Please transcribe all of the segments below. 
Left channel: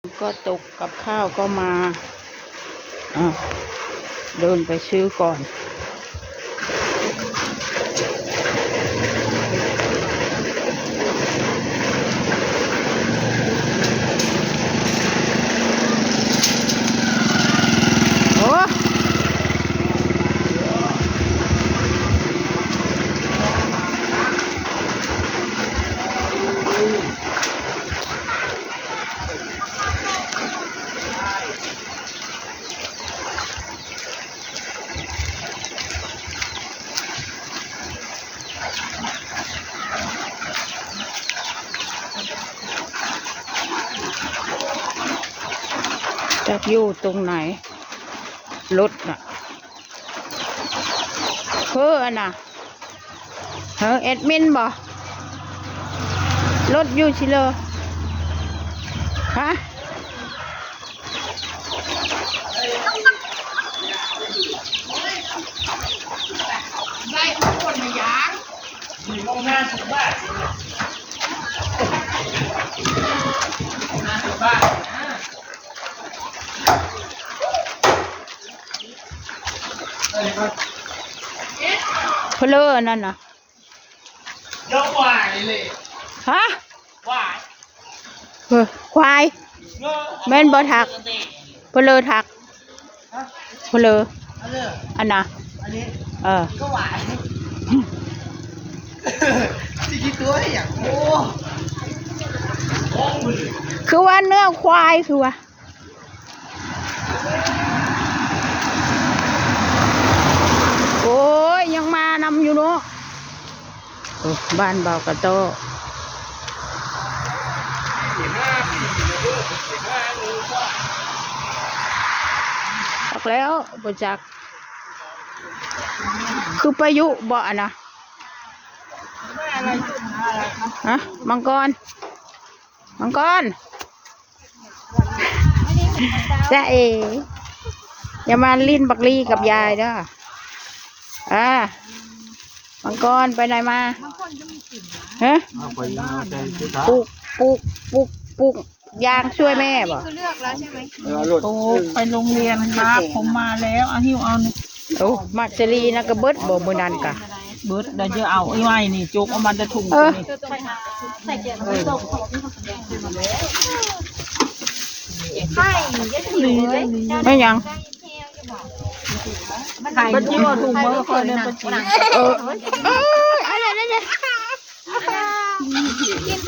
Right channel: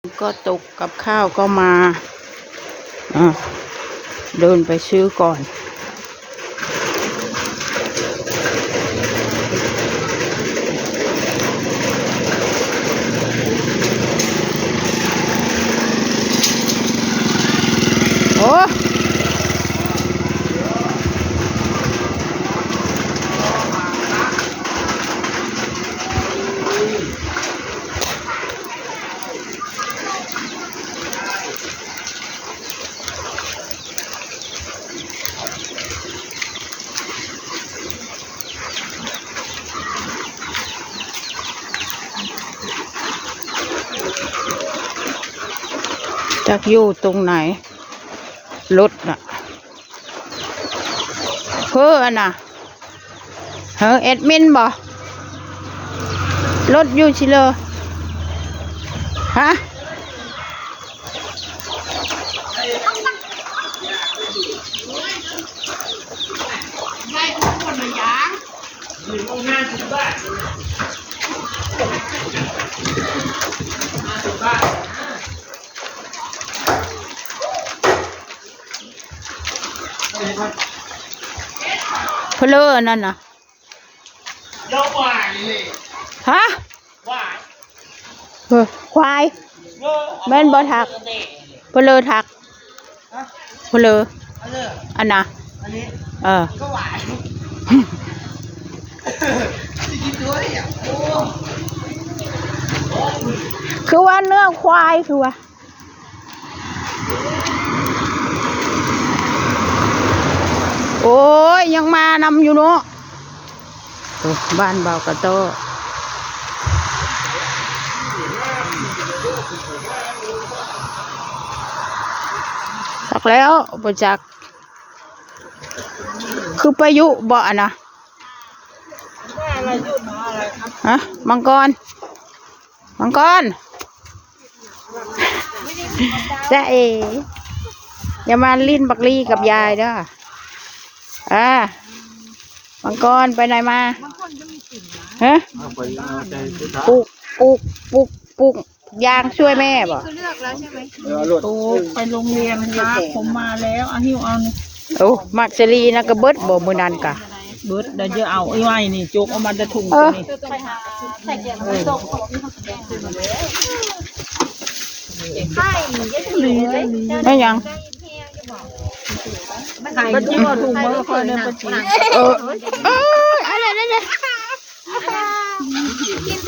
ก็ตกกับข้าวก็มาเดินไปซื้อก่อนโอ้จักอยู่ตรงไหนรถน่ะเพื่อน่ะแอดมินบ่รถอยู่ชิเลยฮะเพลอนั่นน่ะยกวายเลย ฮะ วาย ควายแม่นบ่ถักเพลอถักเพลออันน่ะอันนี้ก็วายสิกินตัวเนี่ยโอ้คือว่าเนื้อควายคือว่าโอ้ยยังมานำอยู่เนาะบ้านเบากระโตบอกแล้วประจักษ์คือพายุบ่อนะฮะมังกรจ้าเออย่ามาลิ้นบักลี่กับยายเด้อมังกรไปไหนมาฮะปลูกยางช่วยแม่บ่คือเลือกแล้วใช่ไหมโอ้ไปโรงเรียนนะผมมาแล้วหิวเอานี่โอ้มักซรีนะก็เบิดบ่มื้อนั้นกะเบิดเดี๋ยวจะเอาไอ้ไว้นี่จุกเอามาจะถุงนี่ไม่ยังไข่จุกเอาถุงมาคอยเดินไปจี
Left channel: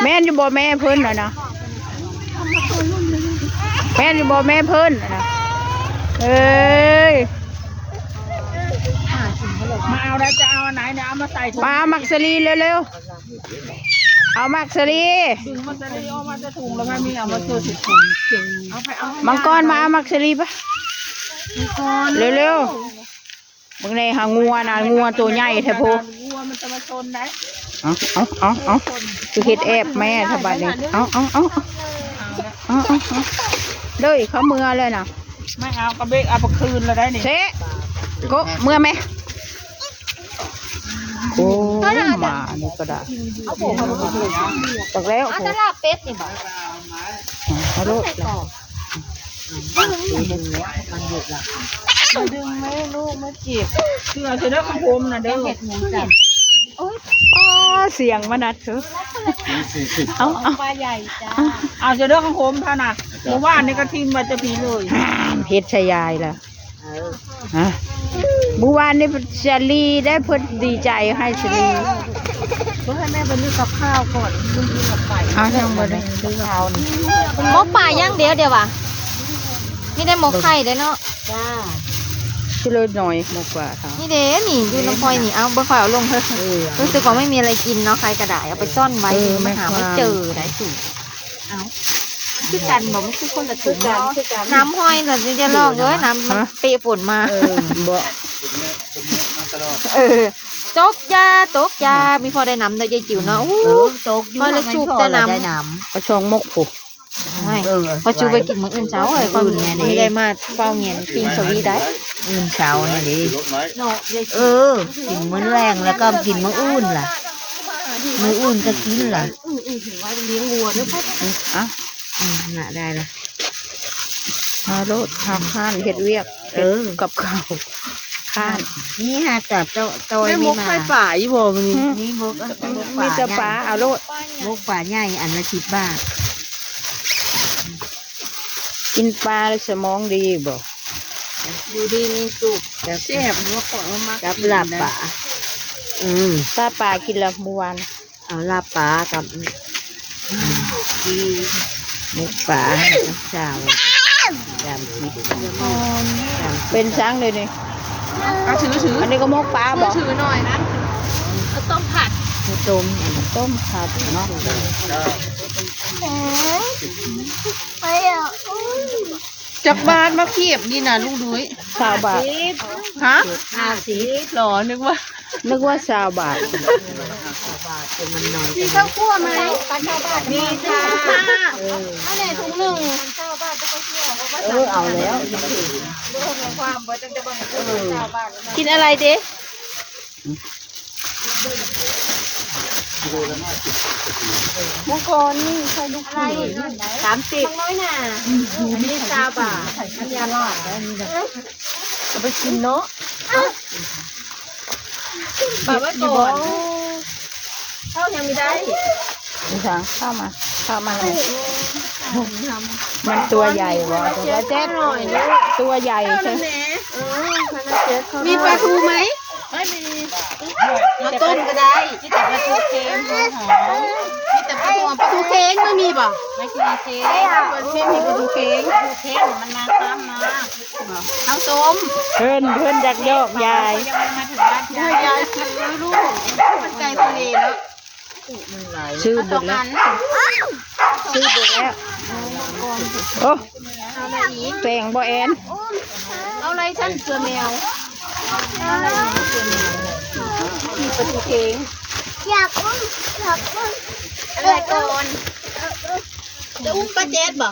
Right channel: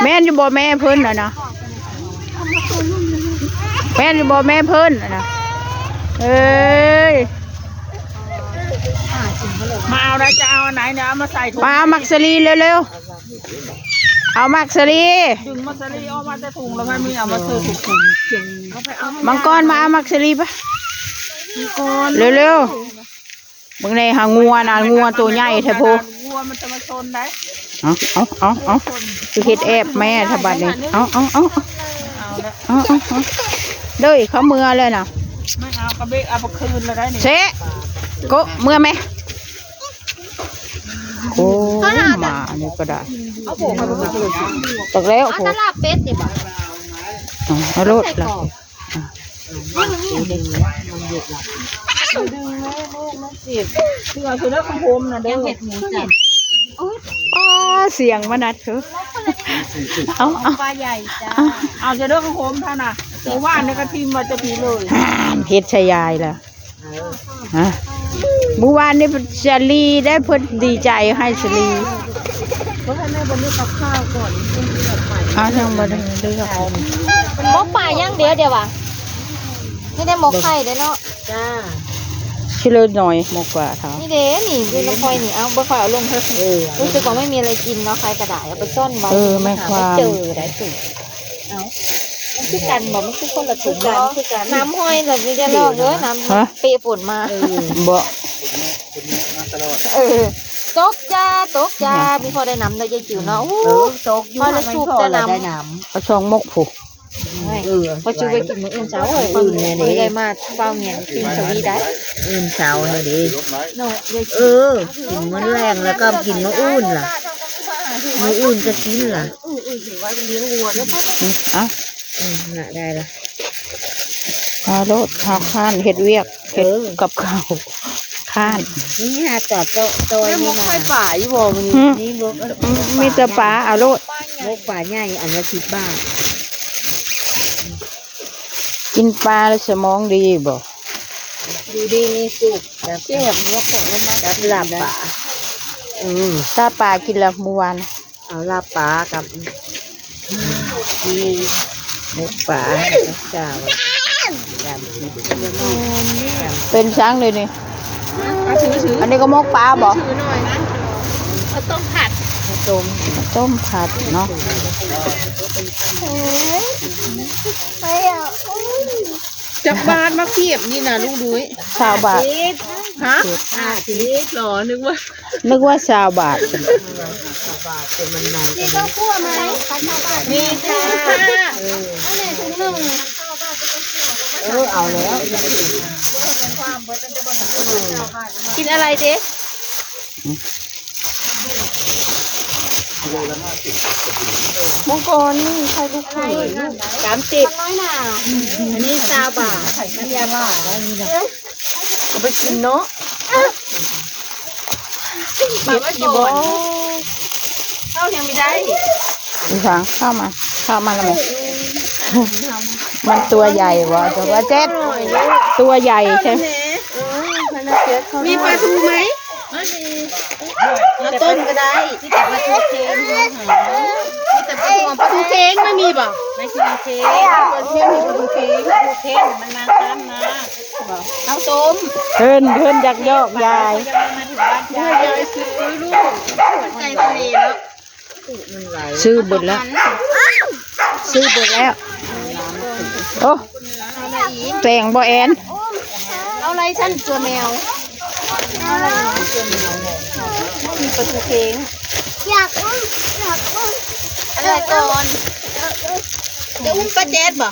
แม่นอยู่บ่แม่เพิ่นน่ะนะแม่นอยู่บ่แม่เพิ่นน่ะนะเอ้ยมาเอาอะไรจะเอาอันไหนเนี่ยเอามาใส่ถุงมาเอามักซรีเร็วๆเอามักซรีดึงมักซรีเอามาจะถุงแล้วไม่มีเอามาซื้อถุงมังกรมาเอามักซรีปะเร็วๆมึงในหางัวนะงัวตัวใหญ่แท้โพมันจะมาชนได้เอาคือเฮ็ดแอบแม่ทบัดนี่เอาเด้ยเขาเมื่อเลยนะไม่เอากระเบกเอาไปคืนแล้วได้นี่เชะโกเมื่อไหมโอ้มาอันนี้ก็ได้ตักแล้วโอ้ตลาดเป็ดนี่บ่ไม่รู้ละมันหยุดละดึงไม่ลูกไม่จีบคือเอาเสร็จแล้วของผมนะเด้อเห็ดหมูจับเสียงมานัดคือเอาปลาใหญ่จ้าเอาเสร็จแล้วของผมเท่าน่ะผมว่าอันนี้ก็ทิมมาจะผีเลยเฮ็ดชายายล่ะฮะเมื่อวานนี้ชลีได้เพิ่นดีใจให้ชลีเพราะให้แม่ไปเลือกข้าวก่อนคุณที่เราไปยังบ่ได้เลือกข้าวหมกป่าย่างเดียวว่ะนี่ได้หมกไข่ได้เนาะจ้าชิเลยหน่อยมากกว่าเท่านี่เด้นี่ดูน้ำพลอยนี่เอาบ่ค่อยเอาลงเถอะรู้สึกว่าไม่มีอะไรกินเนาะใครกระดาษเอาไปซ่อนไว้แม่ความไม่เจอได้สิเอามันคือกันบอกมันคือคนละถุงน้ำพลอยเลยไม่ได้ลอกเลยน้ำเปย์ฝุ่นมาบ่ตกยามีพอได้น้ำได้ยายจิ๋วเนาะตกพอแล้วชุบจะน้ำกระชองมกผูพอชูไปกินมื้ออื่นเช้าเลยไม่ได้มาเฝ้าเงียนปิ้งสวีได้อื่นเช้าเลยดิเนาะกินมื้อแรงแล้วก็กินมื้ออื่นล่ะมื้ออื่นก็กินล่ะเลี้ยงวัวด้วยอ่ะน่ะได้ละ เอาโลดเอาข้านเฮ็ดเวียกเฮ็ดกับข้าวข้าน นี่หาจับโตย แม่ม นี่ ก นะ ไข่ป่าอีโวมันนี่ นี่บก มีแต่ปลาเอาโลด บกป่าใหญ่อันละ10 บาท กินปลาแล้วสมองดีบ่ ดูดีมีสุกแบบ เจ็บมกของมาก กับลาบป่าถ้าปลากินละเมื่อวาน เอาลาบป่ากับนี่บกป่ากับสาวจำผิด เป็นช้างเลยนี่ ถือ อันนี้ก็มกปลาบ่ ถือหน่อยนะเขาต้องผัด ข้าวต้ม ต้มผัดเนาะ จับบ้านมาเขียบนี่นะลูกดุ้ย 20 บาท ฮะ 50 หรอนึกว่า นึกว่า20 บาท เป็นมันหน่อย มีข้าวคั่วไหมปลาชาวบ้าน มีค่ะ เอาไหนถุงหนึ่ง เอาแล้ว กินอะไรเจ๊ มังกรนี่ใครลูก อะไร 30 น้อยหน่า อันนี้20 บาทน้ำยาป่า จะไปกินเนาะแบบว่าอยู่บนเข้ายังไม่ได้ มีช้างเข้ามาเลยมันตัวใหญ่บ่ตัวเจ็ดตัวใหญ่ใช่ไหม มีปลาทูไหม ไม่มี มาต้มก็ได้ ที่แต่ปลาทูเค็มมีแต่ปลาทู ปลาทูเค้งไม่มีบ่ ไม่ใช่เค็มปลาเค็มมีปลาทูเค็มปลาทูเค็มมันมาซ้ำนะ ข้าวต้ม เพิ่นอยากยอกยาย ให้ยายซื้อลูกไก่ทะเลแล้ว ซื้อเบิดแล้วซื้อเบิดแล้วโอ้แตงบ่แอน เอาอะไรฉันเสือแมวมีปลาทูเค้งอยากอุ้มอะไรก่อนจะอุ้มป้าแจ๊ดบ่ อ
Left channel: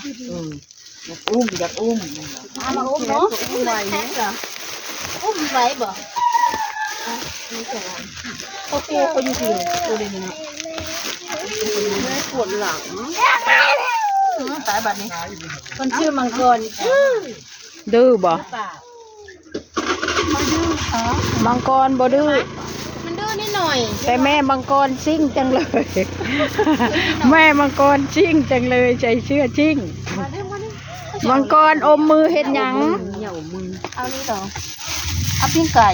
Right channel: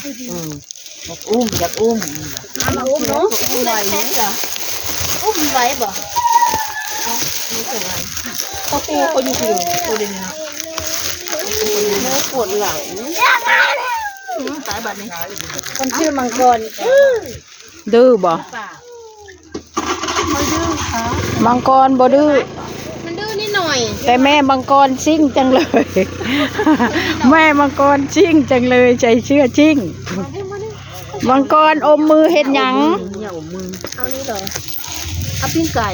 ยากอุ้ม เอามาอุ้มเนาะอุ้มไหวไหมอุ้มไหวบ่เขาปูคนอยู่ที่ปูเลยนะ ปวดหลัง สายบัตรนี่ มันชื่อมังกร ดื้อบ่มังกรบ่ดื้อ มันดื้อนิดหน่อย แต่แม่มังกรซิ่งจังเลย แม่มังกรซิ่งจังเลยใจเชื่อชิ่งมังกรอมมือเฮ็ดหยัง เหนียวมือ เอานี่เหรอเอาปิ้งไก่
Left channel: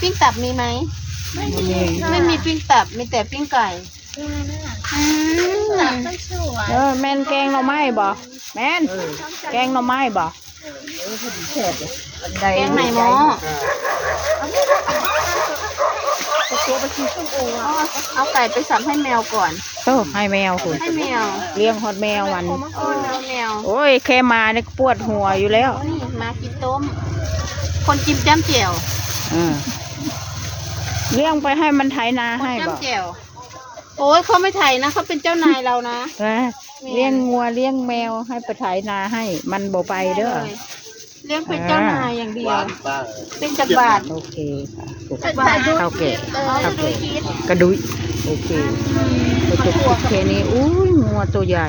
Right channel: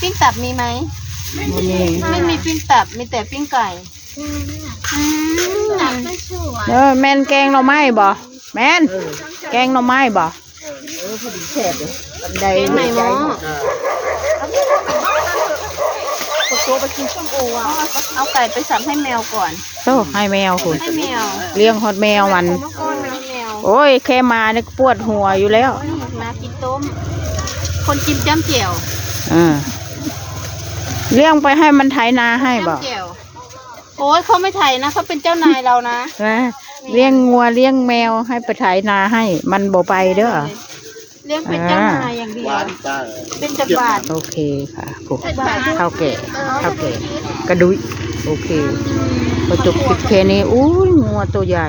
ปิ้งตับมีไหม บ่มี ไม่มีปิ้งตับ มีแต่ปิ้งไก่ตับไม่สวย แม่นแกงหน่อไม้บ่แม่นแกงหน่อไม้บ่ แซ่บเลย บันได แกงไหนหม้อเอาไก่ไปสับให้แมวก่อน โอ้ให้แมวคุณ ให้แมว เลี้ยงฮอดแมวมัน ให้แมว โอ้ยแค่มานี่ก็ปวดหัวอยู่แล้ว นี่มากินต้ม คนจิ้มจ้ำเจียว เลี้ยงไปให้มันไถนาให้บ่ จ้ำเจียวโอ้ยเขาไม่ไถนะเขาเป็นเจ้านายเรานะ นะเลี้ยงงัวเลี้ยงแมวให้ไปไถนาให้ มันบ่ไปเด้อ เลี้ยงเป็นเจ้านายอย่างเดียว เป็นจักรบาท โอเคค่ะผมข้าวแก่กระดุยโอเคพอจบคลิปแค่นี้อุ้ยงัวตัวใหญ่